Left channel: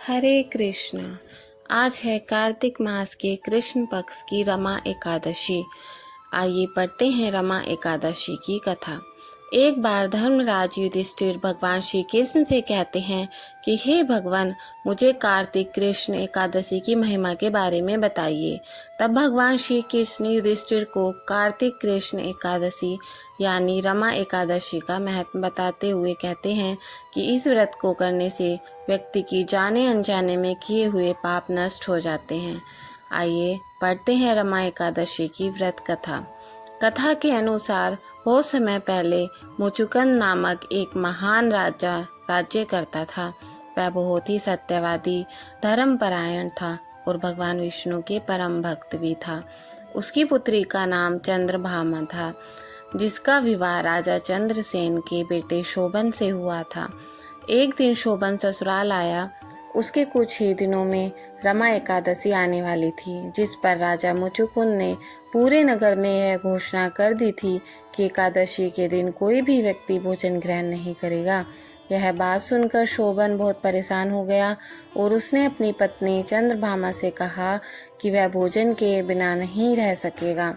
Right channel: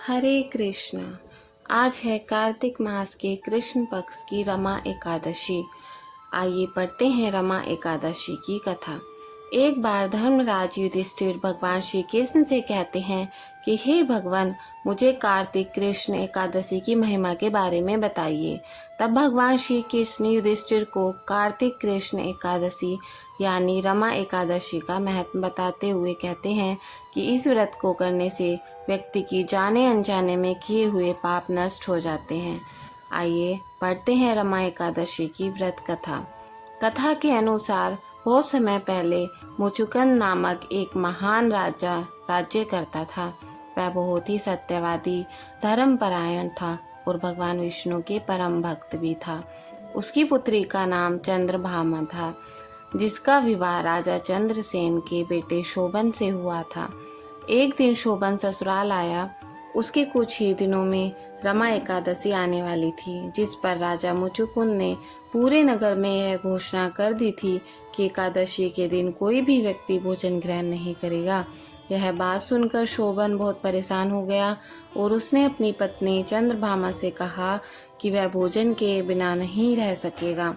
हरे कृष्णा। आज है कार्तिक मास के कृष्ण पक्ष की रमा एकादशी। आइए पढ़ते हैं रमा एकादशी की कथा। एक बार धर्मराज युधिष्ठिर भगवान श्री कृष्ण से कहते हैं कि हे भगवान, मुझे कार्तिक कृष्ण एकादशी की महिमा के बारे में बताइए। तब भगवान श्री कृष्ण युधिष्ठिर को कार्तिक कृष्ण एकादशी यानी रमा एकादशी का महत्व बताते हुए कहते हैं कि इस व्रत को करने से व्यक्ति की जाने अनजाने में किए हुए पाप नष्ट हो जाते हैं। आइए पढ़ते हैं रमा एकादशी की व्रत कथा। कथा के अनुसार बहुत समय पहले मुचुकुंद नामक एक महान राजा राज्य करता था। वह बहुत ही सत्यवादी, धर्मपरायण था और भगवान विष्णु के परम भक्त भी था। उसकी पुत्री का नाम चंद्रभामा था, जिसका विवाह राजा चंद्रसेन के बेटे शोभन से हुआ था। एक दिन शोभन ससुराल आया। उसके कुछ ही दिनों में रमा एकादशी आने वाली थी, जिस पर राजा मुचुकुंद ने पूरे नगर में यह घोषणा कर दी थी कि एकादशी के दिन कोई भी व्यक्ति भोजन ग्रहण नहीं करेगा। यह बात सुनकर शोभन बहुत परेशान हो गया और उसने अपनी पत्नी चंद्रभामा से कहा कि वह भोजन के बिना नहीं रह सकेगा।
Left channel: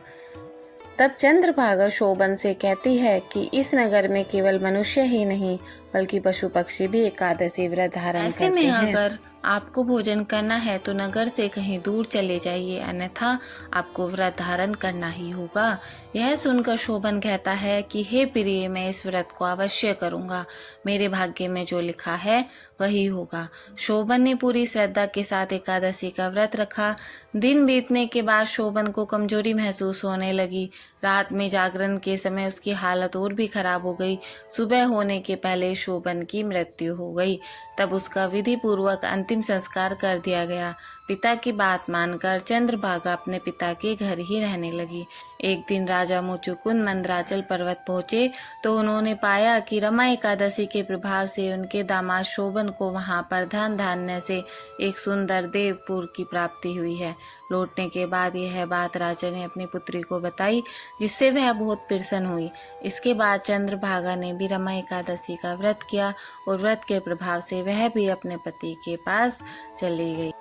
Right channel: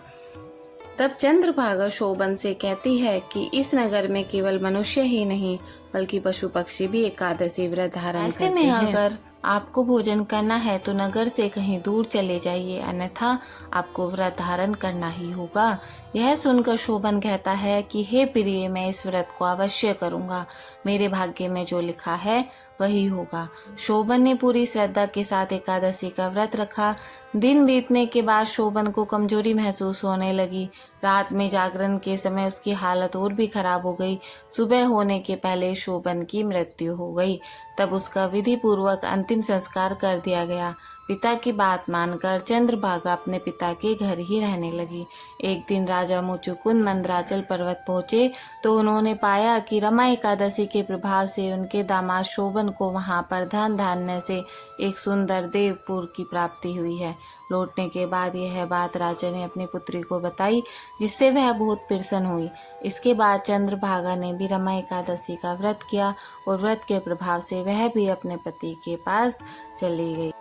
तब चंद्रभागा शोभन से कहती है कि इस नगर में केवल मनुष्य ही नहीं बल्कि पशु पक्षी भी एकादशी व्रत धारण करते हैं। ऐसे में अगर आपको भोजन करना है तो नगर से कहीं दूर चले जाइए, अन्यथा आपको व्रत धारण करना ही होगा। यह सुनकर शोभन कहता है कि हे प्रिय, मैं इस व्रत को अवश्य करूंगा। मेरे भाग्य में जो लिखा है वही होगा। शोभन ने पूरी श्रद्धा के साथ एकादशी का व्रत रखा। दिन बीतने के बाद शोभन को कमजोरी महसूस होने लगी। रात में जागरण के समय उसकी हालत और भी खराब हो गई। सुबह होने के पहले शोभन की मृत्यु हो गई। तब उसका विधि पूर्वक अंतिम संस्कार कर दिया गया। पिता की बात मानकर चंद्रभागा अपने पिता के घर ही रहने लगी। एक दिन राजा मुचुकुंद मंदराचल पर्वत पहुंचे तो उन्होंने पाया कि रमा एकादशी के प्रभाव से उनके दामाद शोभन को वहां पर धन धान्य से एक सुंदर देवपुर की प्राप्ति हुई है। लौटने के बाद यह बात राजा ने अपनी पुत्री को बताई, जिससे वह बहुत प्रसन्न हुई। इसके बाद चंद्रभागा ने भी रमा एकादशी का व्रत किया और व्रत के प्रभाव से वह भी अपने पति के पास चली गई।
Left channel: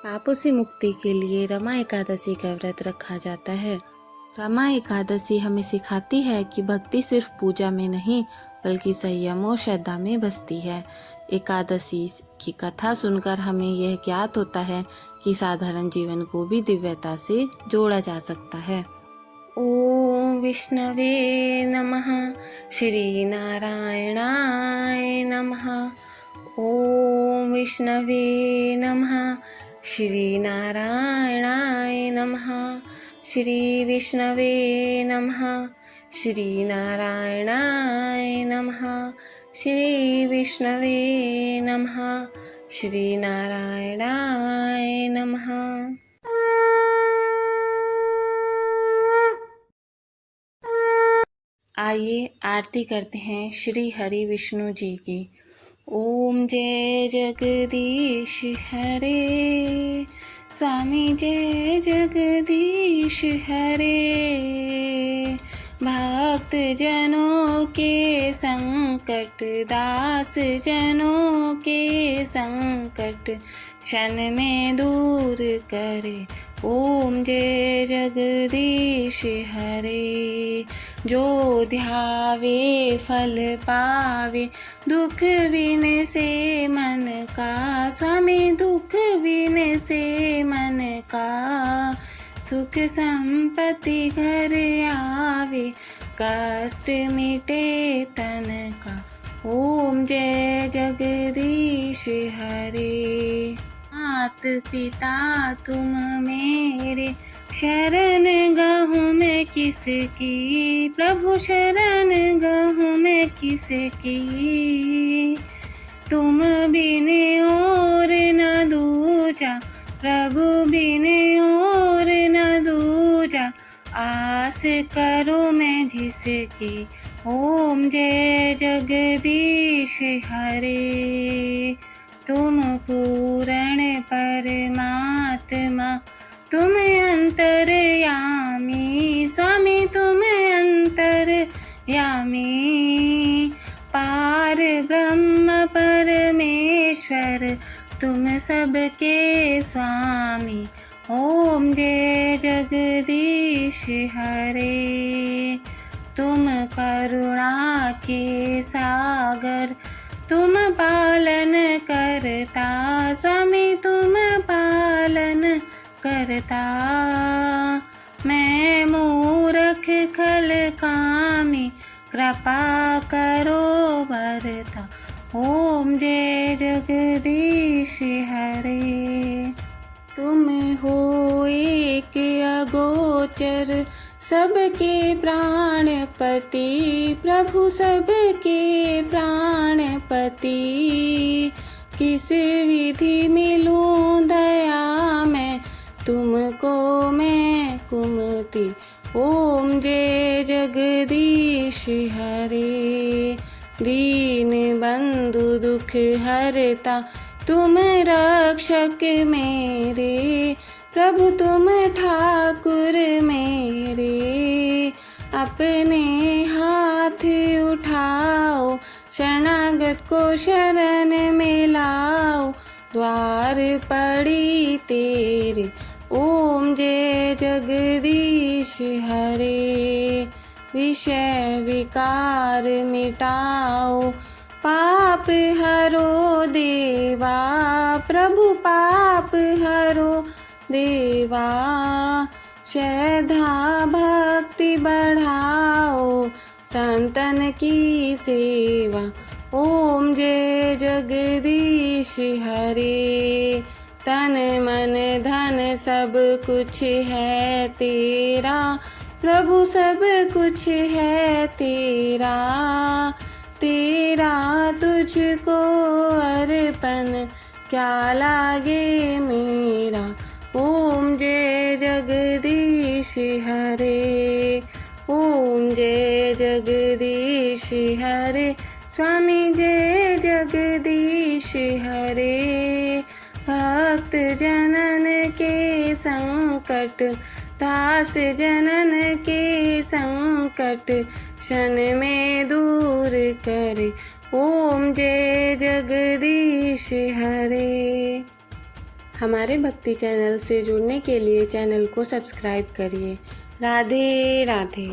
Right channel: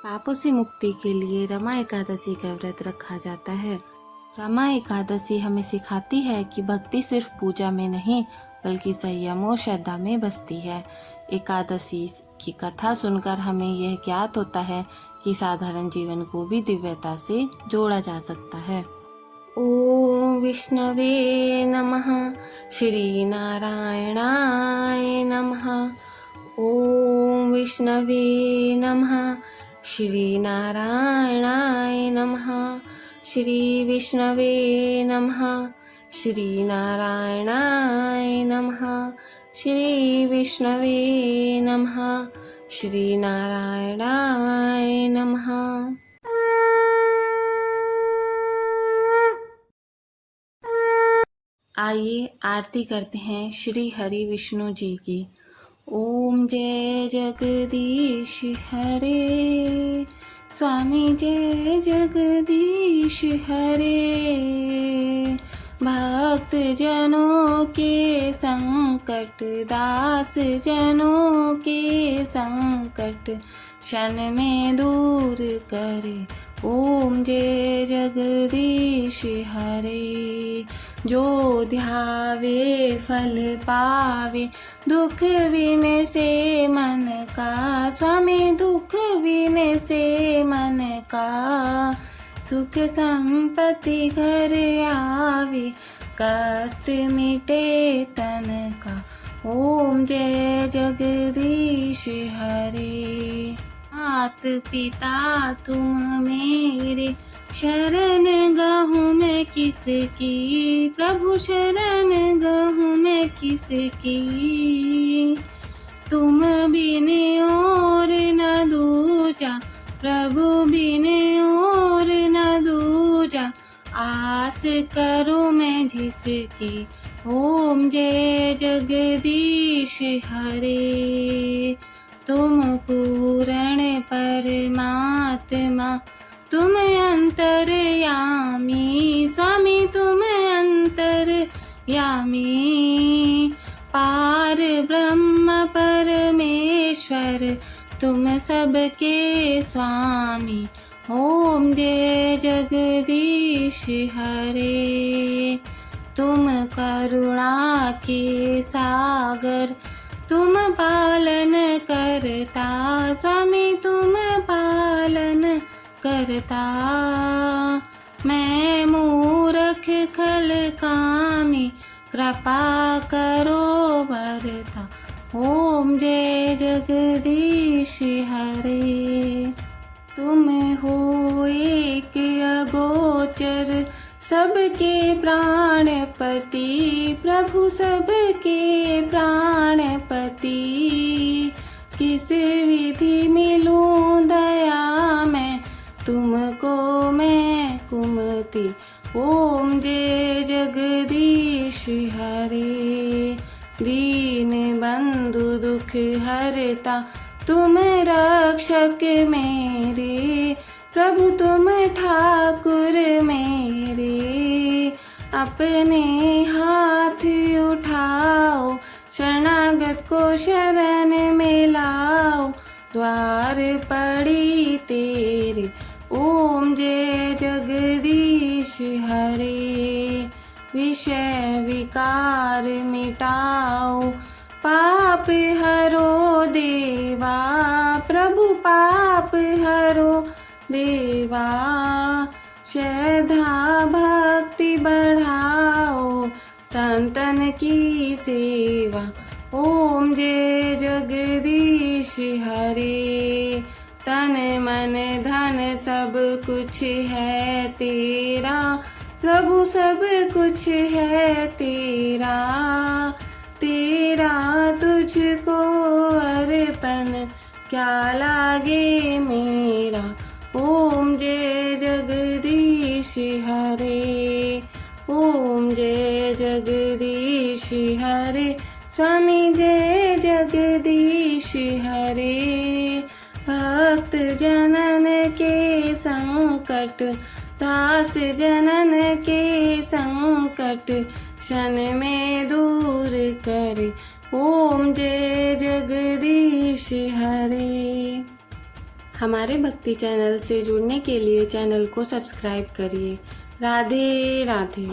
पापों से मुक्ति के लिए रमा एकादशी का व्रत रखा जाता है। रमा एकादशी हमें सिखाती है कि भक्ति सिर्फ पूजा में नहीं बल्कि संयम और श्रद्धा में बसती है। एकादशी की कथा सुनकर हमें यह ज्ञात होता है कि साधारण जीवन को भी दिव्यता से जोड़ा जा सकता है। ओम विष्णवे नमः, श्री नारायणाय नमः। ओम विष्णवे नमः, श्री नारायणाय नमः। श्री विष्णवे नमः, श्री नारायणाय नमः। श्री विष्णवे नमः, श्री नारायणाय नमः। आइए आरती करते हैं श्री हरि विष्णु जी की। ओम जय जगदीश हरे, स्वामी जय जगदीश हरे। भक्त जनों के संकट, दास जनों के संकट क्षण में दूर करे। ओम जय जगदीश हरे। जो ध्यावे फल पावे, दुख विन से मन का। स्वामी दुख विन से मन का, सुख संपत्ति घर आवे, कष्ट मिटे तन का। ओम जय जगदीश हरे। मात पिता तुम मेरे, शरण गाहूँ मैं किसकी। प्रभु शरण गाहूँ मैं किसकी। तुम बिन और न दूजा, प्रभु बिन और न दूजा। आस करूँ मैं जिसकी। ओम जय जगदीश हरे। तुम पूर्ण परमात्मा, तुम अंतर्यामी। स्वामी तुम अंतर्यामी। पार ब्रह्म परमेश्वर, तुम सबके स्वामी। ओम जय जगदीश हरे। तुम करुणा के सागर, तुम पालन करता स्वामी, तुम पालन करता। मैं मूरख खल कामी, कृपा करो भरता। ओम जय जगदीश हरे। तुम हो एक अगोचर, सबके प्राणपति प्रभु, सबके प्राणपति। किस विधि मिलूं दया मैं, तुमको मैं कुमति। ओम जय जगदीश हरे। दीन बंधु दुख हरता, तुम रक्षक मेरे प्रभु, तुम ठाकुर मेरे। अपने हाथ उठाओ, शरणागत को शरण में लाओ। द्वार पड़ी तेरे, ओम जय जगदीश हरे। विषय विकार मिटाओ, पाप हरो देवा प्रभु, पाप हरो देवा। श्रद्धा भक्ति बढ़ाओ, संतन की सेवा। ओम जय जगदीश हरे। तन मन धन सब कुछ है तेरा प्रभु, सब कुछ है तेरा। तेरा तुझको अर्पण क्या लागे मेरा। ओम जय जगदीश हरे। ओम जय जगदीश हरे। स्वामी जय जगदीश हरे। भक्त जनन के संकट, दास जनन के संकट, क्षण में दूर करे। ओम जय जगदीश हरे। हमारे भक्ति चैनल से जुड़ने के लिए चैनल को सब्सक्राइब करिए। राधे राधे।